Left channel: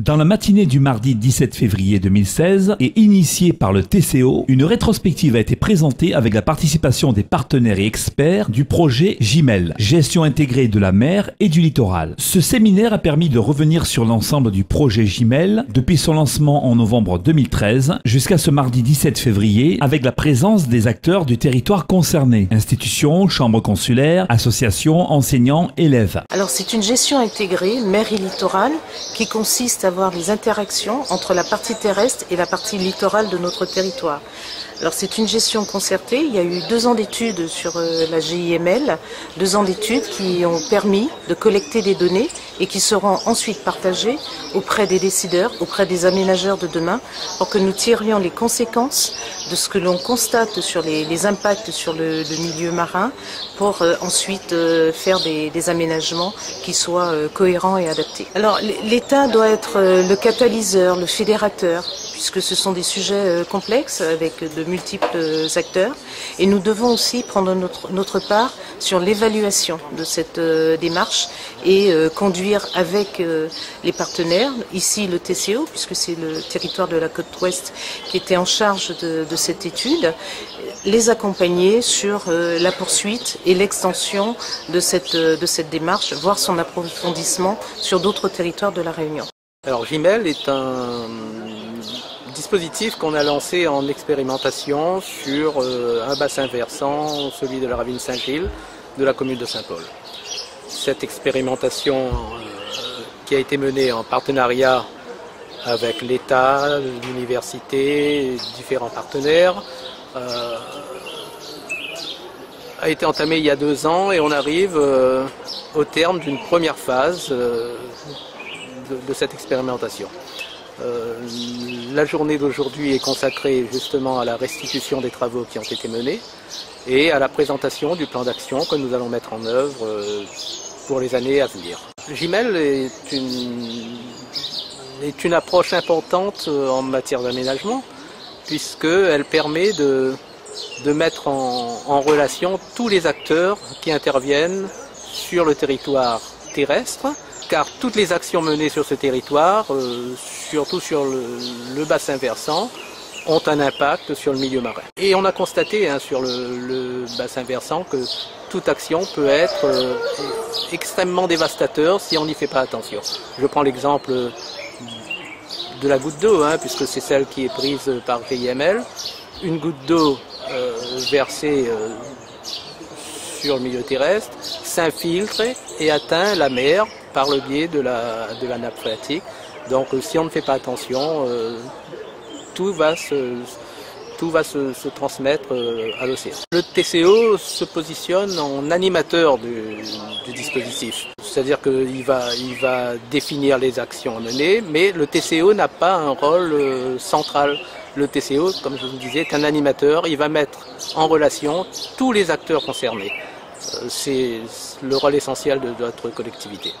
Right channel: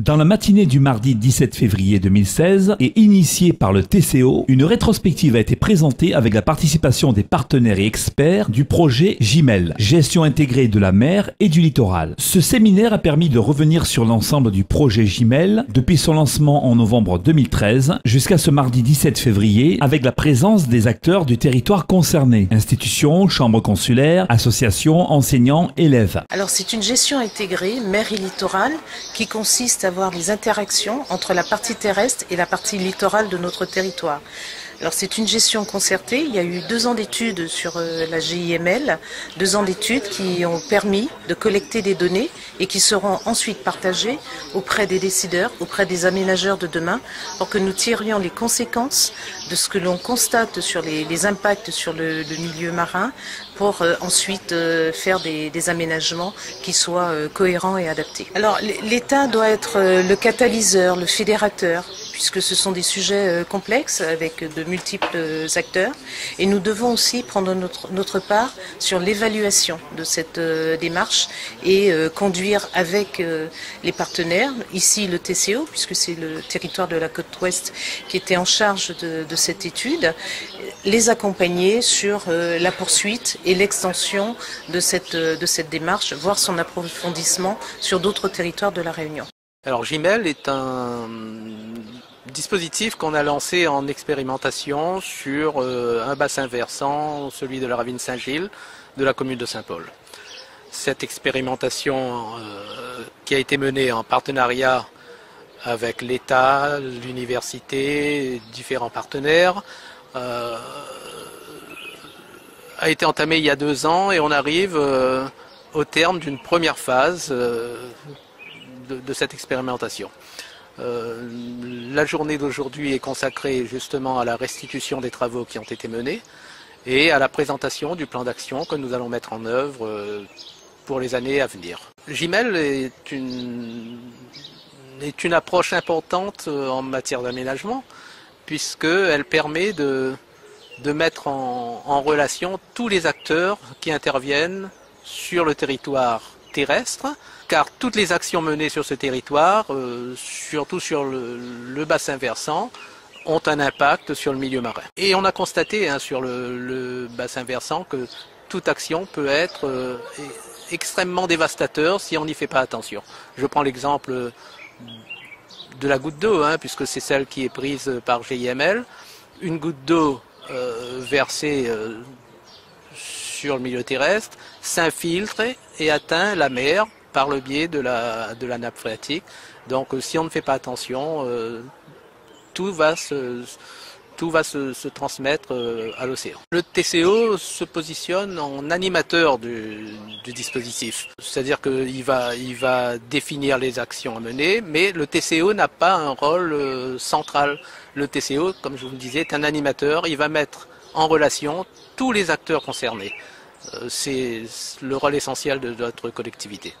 Dans la matinée du mardi 17 février 2016 et initiée par le TCO, une rétrospective a été présentée avec la participation des partenaires et experts du projet GIMEL, Gestion intégrée de la mer et du littoral. Ce séminaire a permis de revenir sur l'ensemble du projet GIMEL depuis son lancement en novembre 2013 jusqu'à ce mardi 17 février avec la présence des acteurs du territoire concerné, institutions, chambres consulaires, associations, enseignants, élèves. Alors c'est une gestion intégrée mer et littoral qui consiste à avoir des interactions entre la partie terrestre et la partie littorale de notre territoire. Alors c'est une gestion concertée, il y a eu 2 ans d'études sur la GIML, 2 ans d'études qui ont permis de collecter des données et qui seront ensuite partagées auprès des décideurs, auprès des aménageurs de demain, pour que nous tirions les conséquences de ce que l'on constate sur les impacts sur le milieu marin, pour ensuite faire des aménagements qui soient cohérents et adaptés. Alors l'État doit être le catalyseur, le fédérateur, puisque ce sont des sujets complexes avec de multiples acteurs. Et nous devons aussi prendre notre part sur l'évaluation de cette démarche et conduire avec les partenaires, ici le TCO, puisque c'est le territoire de la côte ouest qui était en charge de cette étude, les accompagner sur la poursuite et l'extension de cette démarche, voire son approfondissement sur d'autres territoires de la Réunion. Alors GIMEL est un dispositif qu'on a lancé en expérimentation sur un bassin versant, celui de la ravine Saint-Gilles, de la commune de Saint-Paul. Cette expérimentation qui a été menée en partenariat avec l'État, l'université, différents partenaires, a été entamée il y a 2 ans et on arrive au terme d'une première phase de cette expérimentation. La journée d'aujourd'hui est consacrée justement à la restitution des travaux qui ont été menés et à la présentation du plan d'action que nous allons mettre en œuvre pour les années à venir. GIMEL est une approche importante en matière d'aménagement puisqu'elle permet de mettre en relation tous les acteurs qui interviennent sur le territoire terrestre, car toutes les actions menées sur ce territoire, surtout sur le bassin versant, ont un impact sur le milieu marin. Et on a constaté sur le bassin versant que toute action peut être extrêmement dévastateur si on n'y fait pas attention. Je prends l'exemple de la goutte d'eau, puisque c'est celle qui est prise par GIML. Une goutte d'eau versée sur le milieu terrestre s'infiltre et atteint la mer par le biais de la nappe phréatique. Donc si on ne fait pas attention, tout va se transmettre à l'océan. Le TCO se positionne en animateur du dispositif. C'est-à-dire qu'il va définir les actions à mener, mais le TCO n'a pas un rôle central. Le TCO, comme je vous le disais, est un animateur. Il va mettre en relation tous les acteurs concernés. C'est le rôle essentiel de notre collectivité.